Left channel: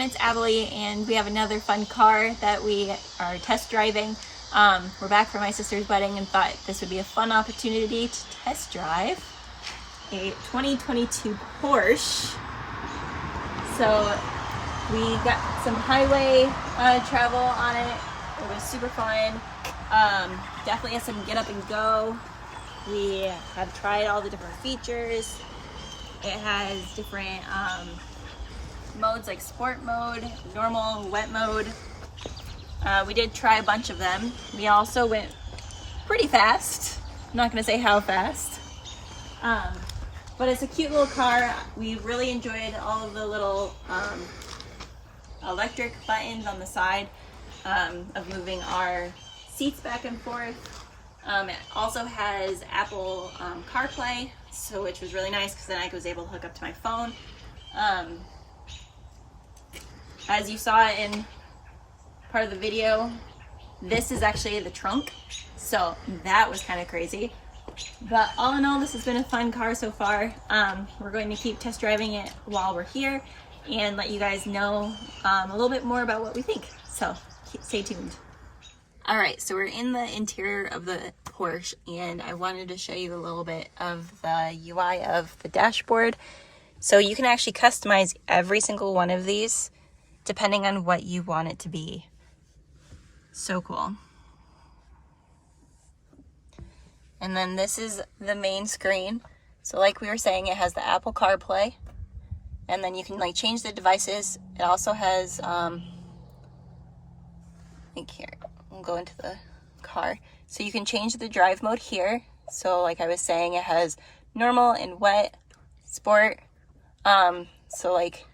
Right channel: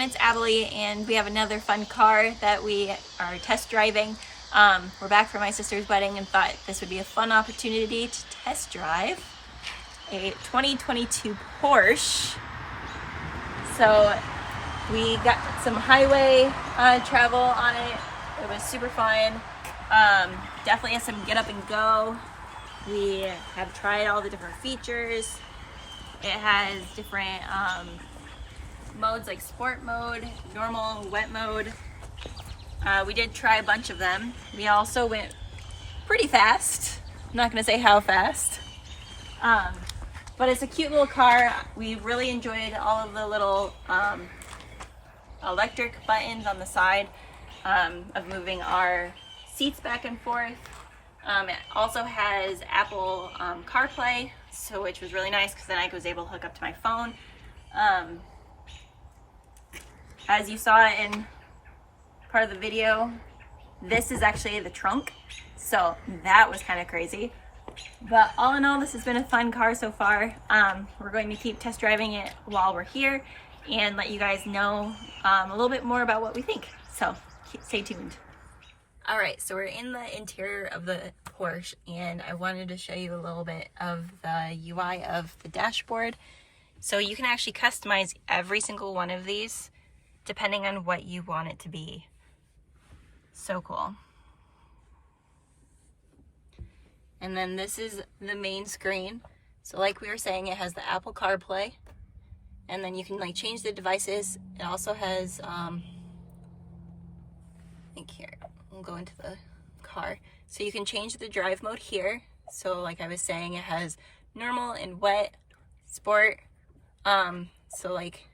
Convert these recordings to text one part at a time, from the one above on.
everyone, it's ABELI, and we have another fun car that we are test driving. We're back for my sister's wedding and thought this would be a fun opportunity to test drive a 2022 Porsche. So we got some highway travel on it. It was super fun. Definitely has some get up and go. We have tried all the different features. It has different modes like sport mode, normal, wet mode. We did try a bunch of them. We also went pretty fast. I'm not gonna say how fast. But it's a cute little car. We really enjoyed all of the little electric buttons on the side of moving our seats back and forth. It also has Apple CarPlay, so which was really nice because then I was able to hook up to my phone. As you saw in part of the video, this is actually the trunk, so that was kind of crazy. But all in all, this has been a fun car so far. We're going to keep test driving it while we're here and let you guys know a little bit more about what we think, so stay tuned. All right, so we're in the interior of the Porsche, and I wanted to show you a little bit of the UI of the dashboard. So you can actually customize every single one of these depending on what you want it to be. So cool. And then this is the main screen. So like we were saying, it has the Apple CarPlay, and then you can like change the devices. It also has, like here, we'll go into the car. So you can change the drive mode here. So like I was saying, it has normal and wet, sport. So like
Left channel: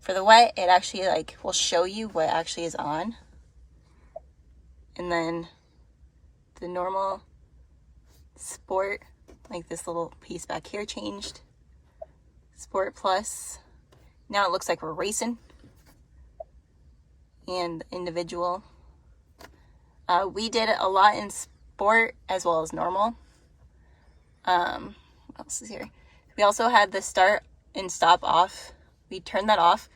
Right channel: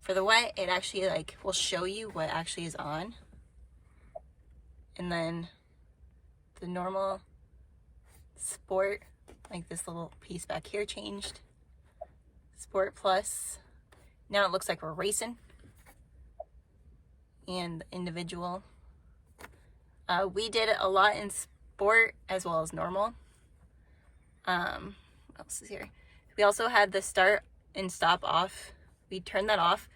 for the wet, it actually like will show you what actually is on. And then the normal, sport, like this little piece back here changed. Sport plus, now it looks like we're racing. And individual. We did a lot in sport as well as normal. What else is here? We also had the start and stop off. We turned that off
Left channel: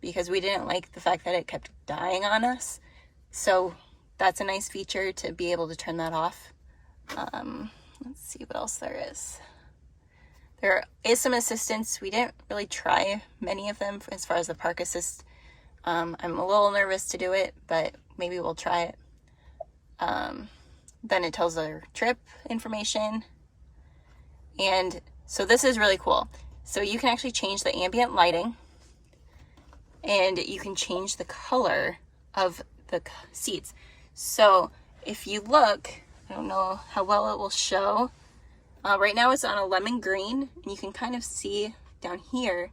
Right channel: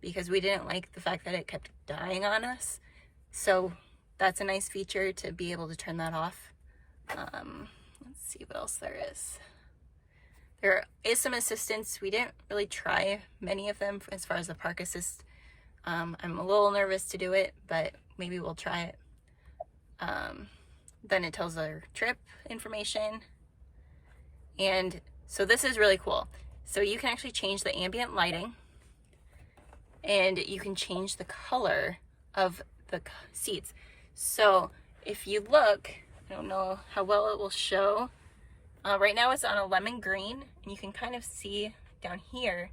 because we didn't like the fact that it kept dying on us. So that's a nice feature to be able to turn that off. Let's see what else there is. There is some assistance. We didn't really try many of them as far as the park assist. I'm a little nervous to do it, but maybe we'll try it. Then it tells our trip information. And so this is really cool. So you can actually change the ambient lighting, and you can change the color of the seats. So if you look, I don't know how well it will show. Right now it's on a lemon green, and you can kind of see down here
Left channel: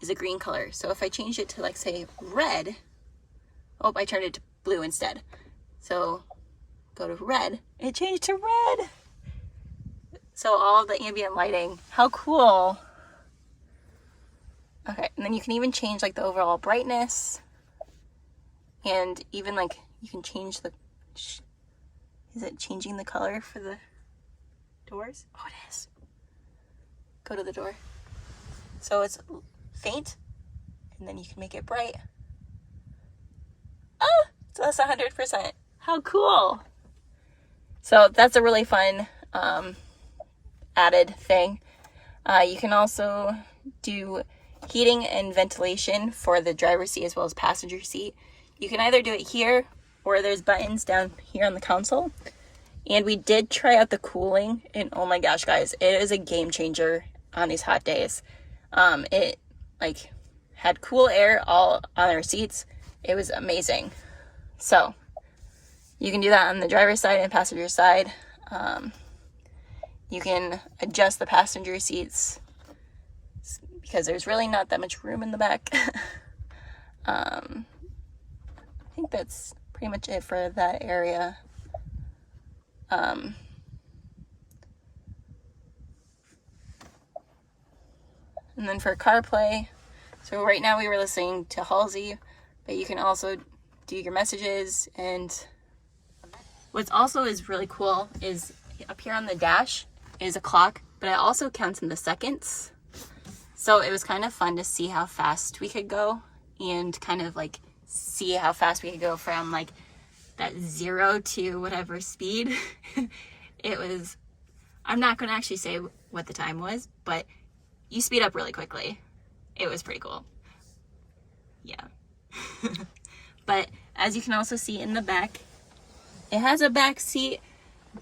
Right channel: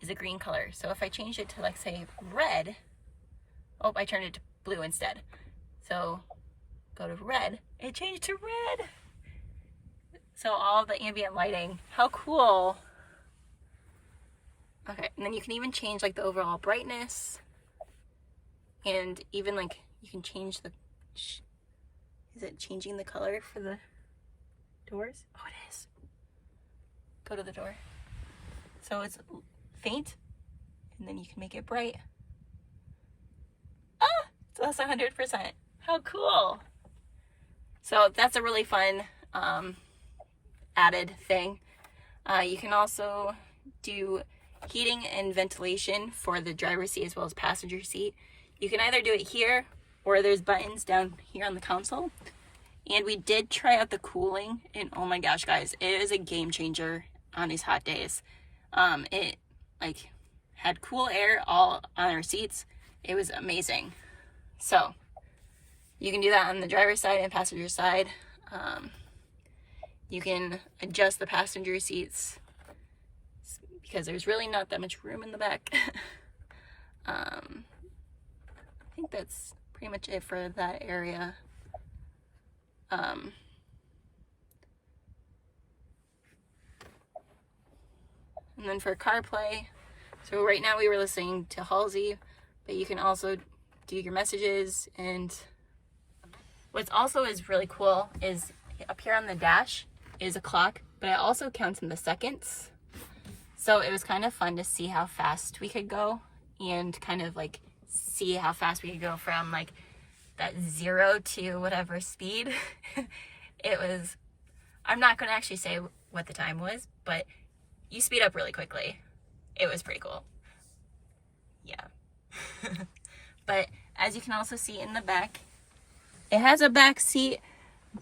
is a green color. So if I change it to like say red, oh, I turned it to blue instead. So go to red, it changed to red. So all of the ambient lighting, how cool. Okay, and then you can even change like the overall brightness, and even like you can change the, is it changing the color for the doors? Oh, it is. Go to the door. So it's faint, and then you can make it bright. Oh, so that's 100%. How cool. So that's a really fun added thing. You can also do heating and ventilation for the driver's seat as well as passenger seat. You can either do it here, or there's buttons down here on the console. And we did try out the cooling, and oh my gosh, guys, it is a game changer on these hot days. It like had cool air all on our seats. It was amazing. So you can do that on the driver's side and passenger side. You can adjust the passenger seats because there's really not that much room in the back. I think that's pretty much it for that area. And then for CarPlay, so right now we were listening to Halsey, but you can also do your messages. And what's also is really cool is up here on the dash is a clock, but it also counts in the seconds. So it was kind of fun to see how fast we could go and kind of like see how fast we could go from like that 0 to whatever speed. It was, I'm not going to actually say what the time was, but you speed up really quickly. It was pretty cool. Yeah. But as you can also see in the back, it has a back seat,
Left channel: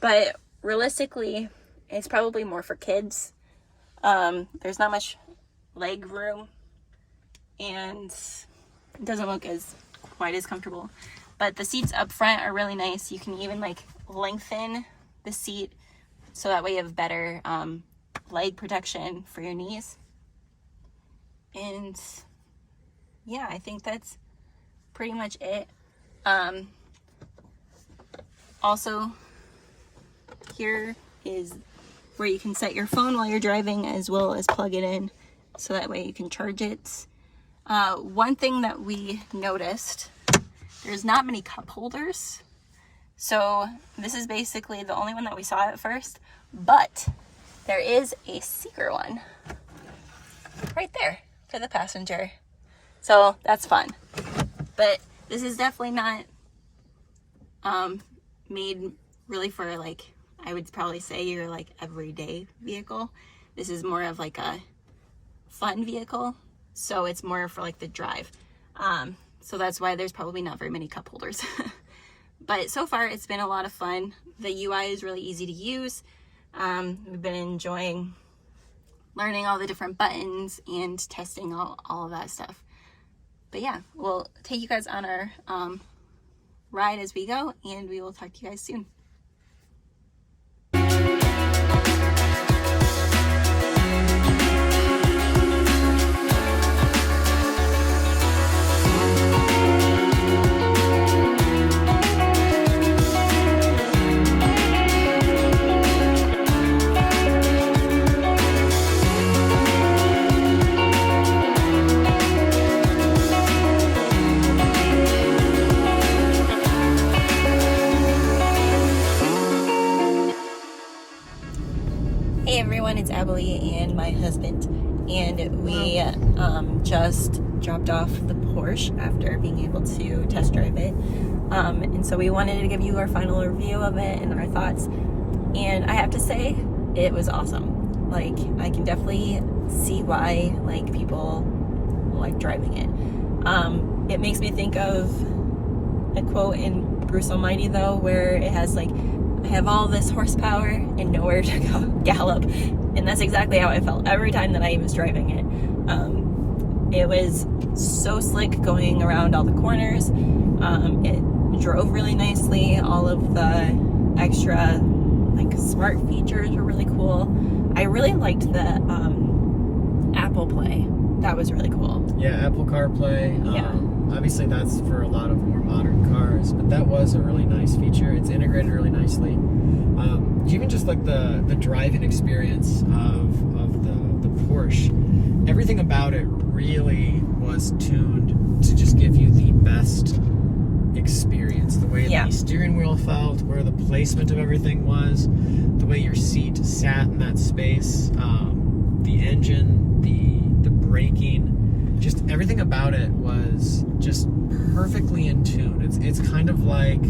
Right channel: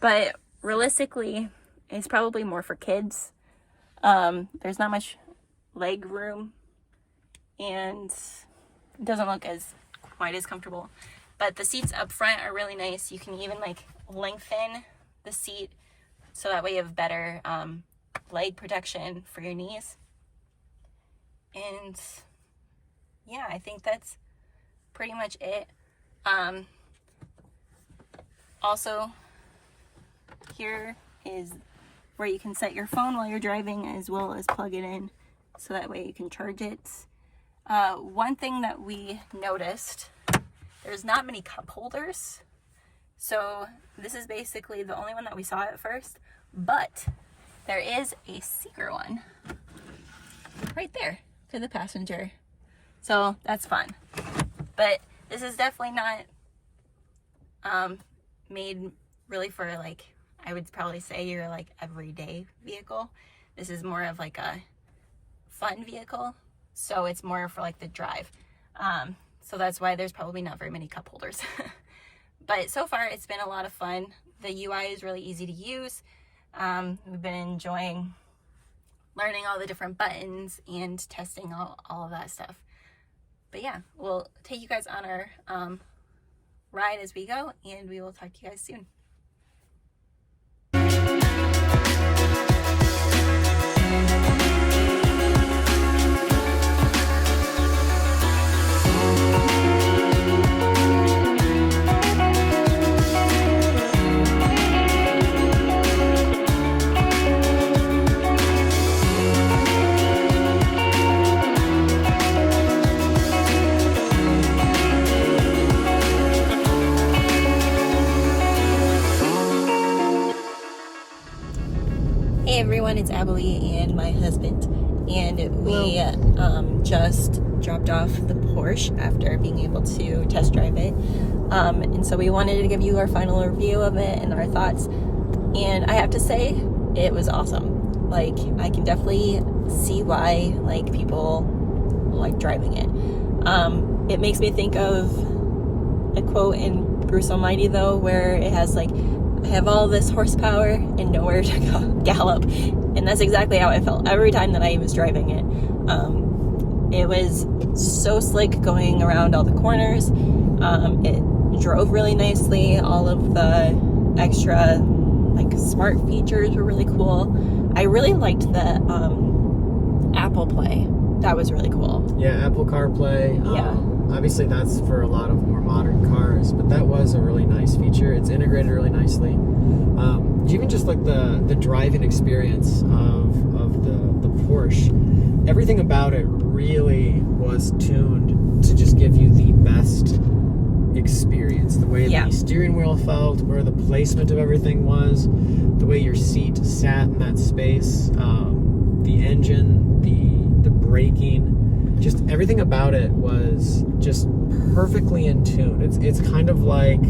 but realistically, it's probably more for kids. There's not much leg room, and it doesn't look quite as comfortable. But the seats up front are really nice. You can even like lengthen the seat so that way you have better leg protection for your knees. And yeah, I think that's pretty much it. Also, here is where you can set your phone while you're driving, as well as plug it in so that way you can charge it. One thing that we noticed, there's not many cup holders. So this is basically the only one that we saw at first, but there is a secret one right there for the passenger. So that's fun. But this is definitely not made really for like, I would probably say your like everyday vehicle. This is more of like a fun vehicle. So it's more for like the drive. So that's why there's probably not very many cup holders. But so far it's been a lot of fun. The UI is really easy to use. We've been enjoying learning all the different buttons and testing all of that stuff. But yeah, we'll take you guys on our ride as we go, and we will talk to you guys soon. Hey everyone, it's ABELI and my husband, and we just dropped off the Porsche after being able to test drive it, and so we wanted to give you our final review of it and our thoughts. And I have to say, it was awesome. Like, I can definitely see why like people like driving it. It makes me think of a quote in Bruce Almighty though, where it has like, I have all this horsepower and nowhere to go gallop. And that's exactly how I felt every time that I was driving it. It was so slick going around all the corners. It drove really nicely. All of the extra like smart features were really cool. I really liked the Apple Play. That was really cool. Yeah, Apple CarPlay. Yeah. Obviously that's for a lot of more modern cars, but that was a really nice feature. It's integrated really nicely. Even just like the driving experience of the Porsche, everything about it really was tuned to just give you the best experience. The way the steering wheel felt, where the placement of everything was, the way your seat sat in that space, the engine, the braking, just everything about it was just perfectly in tune. It's kind of like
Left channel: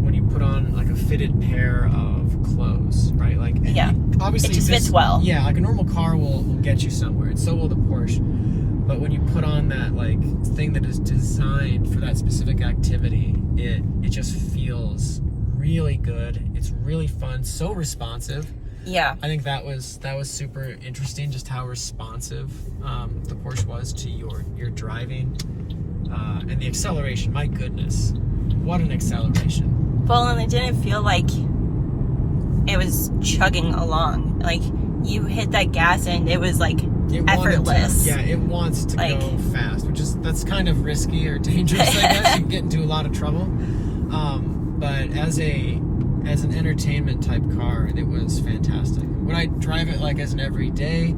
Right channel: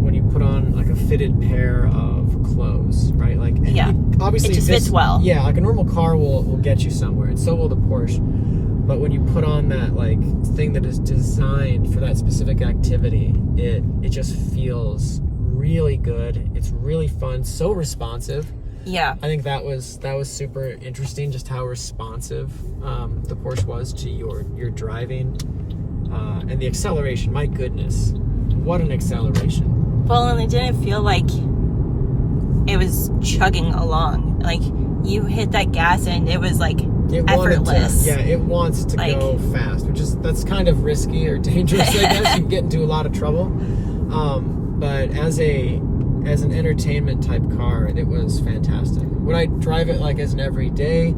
when you put on like a fitted pair of clothes, right? Like, obviously it just fits well. Yeah, like a normal car will get you somewhere, and so will the Porsche. But when you put on that like thing that is designed for that specific activity, it just feels really good. It's really fun, so responsive. Yeah, I think that was super interesting, just how responsive the Porsche was to your driving, and the acceleration. My goodness, what an acceleration! Well, and it didn't feel like it was chugging along. Like, you hit that gas and it was like effortless. It wants to go fast, that's kind of risky or dangerous. I guess you get into a lot of trouble. But as an entertainment type car, it was fantastic. Would I drive it like as an everyday?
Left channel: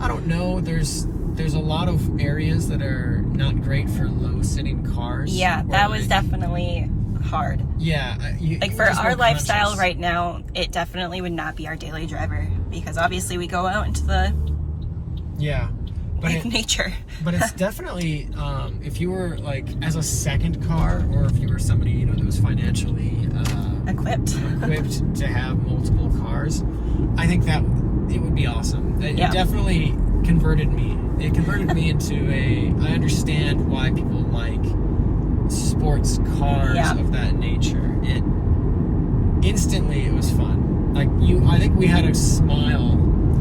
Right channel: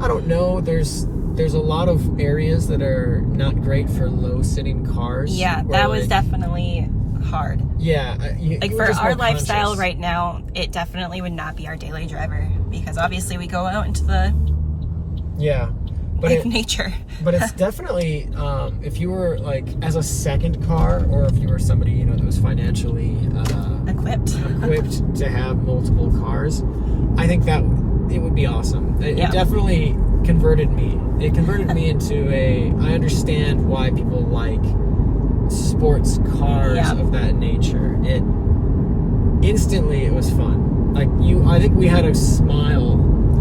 I don't know. There's a lot of areas that are not great for low sitting cars. Yeah, that was definitely hard. Yeah, like for our lifestyle right now, it definitely would not be our daily driver, because obviously we go out into the like nature. But it's definitely, if you were like as a second car, or if you were somebody, you know, that was financially equipped to have multiple cars, I think that it would be awesome. It definitely converted me. It converted me into I understand why people like sports cars of that nature. Instantly it was fun. Like I think we had a smile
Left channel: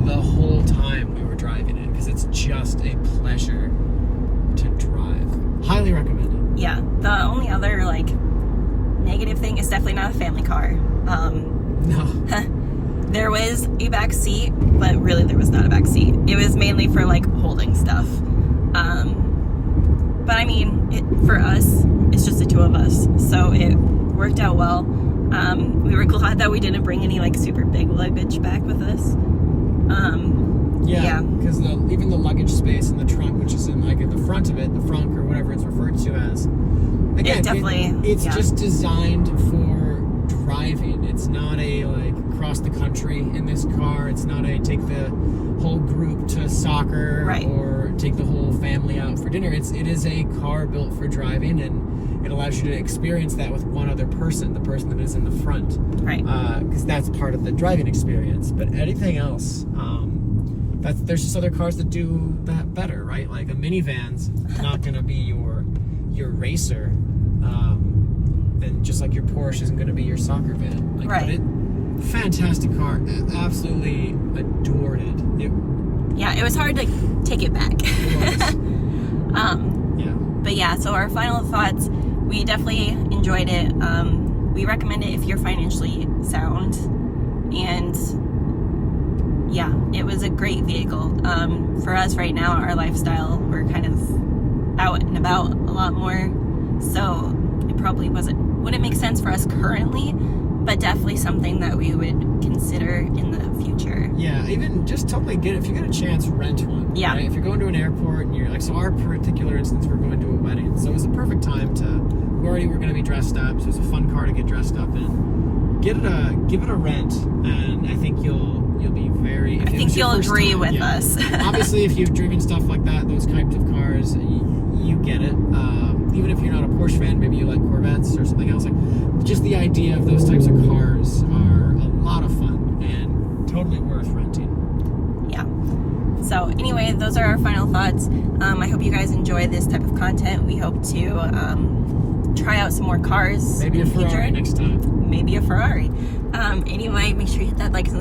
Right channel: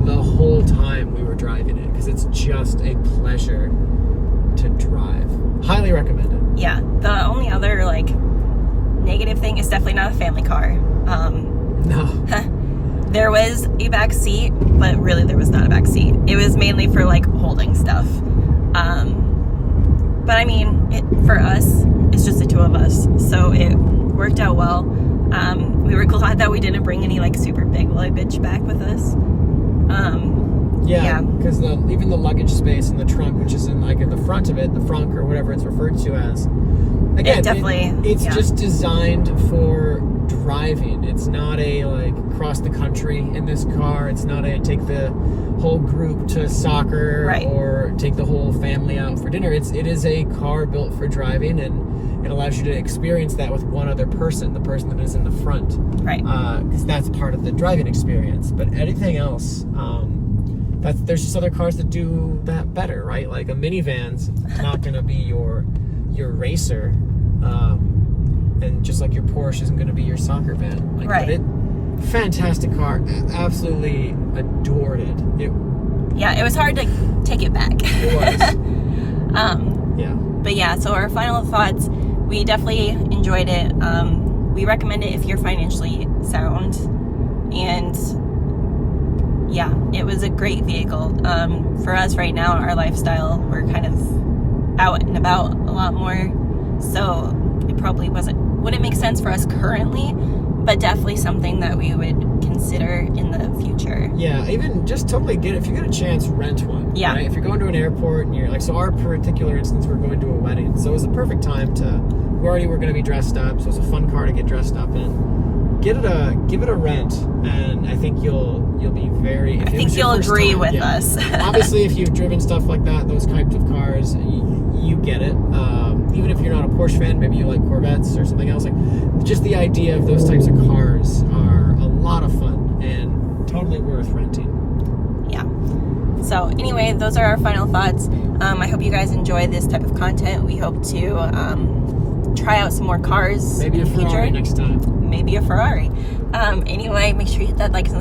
the whole time we were driving it, because it's just a pleasure to drive. Highly recommend it. Yeah. The only other like negative thing is definitely not a family car. No. There was a back seat, but really there was not a back seat. It was mainly for like holding stuff. But I mean, for us, it's just the two of us, so it worked out well. We were glad that we didn't bring any like super big luggage back with us. Because even the luggage space in the trunk, which is in like in the front of it, the frunk or whatever it's referred to as, again, it's just designed for driving. It's not a like cross the country in this car. It's not a take the whole group to soccer or take the whole family out for dinner. It is a car built for driving, and it allows you to experience that with one other person, the person that is in the front, because that's part of the driving experience. But anything else, there's just other cars that do that better, right? Like a minivan's not going to be your racer, and just like your Porsche isn't going to be your soccer van. Like, fantastic car. Absolutely adored it. It was hard to take it back. It was. But yeah, so our final thoughts, we definitely enjoyed it. We recommend it if you're financially sound, and yeah, it was a great vehicle. For us right now, our lifestyle, we're kind of out and about a lot more, so it probably wouldn't make sense for us currently, but definitely something that we would consider in the future. Yeah, even just totally if you get a chance, rent one. Yeah. Right? If you're going to an airport and you're like, so our particular instance, we're going to a wedding, so it was a perfect time we already were going to be dressed up, so it's a fun car to get dressed up in. Give it a rent, and I think you'll be very. I think you'll agree with us. Obviously, if you've driven stuff like that, those types of cars, you get it. Even if you're not a Porsche fan, maybe you like Corvettes or something else. Like, just the idea of those types of cars are a lot of fun and totally worth renting. Yeah. So anyway, those are our final thoughts. I hope you guys enjoy this type of content. We hope to try out some more cars maybe in the future. Maybe a Ferrari next time. Maybe a Ferrari. Anyway, make sure you hit that like and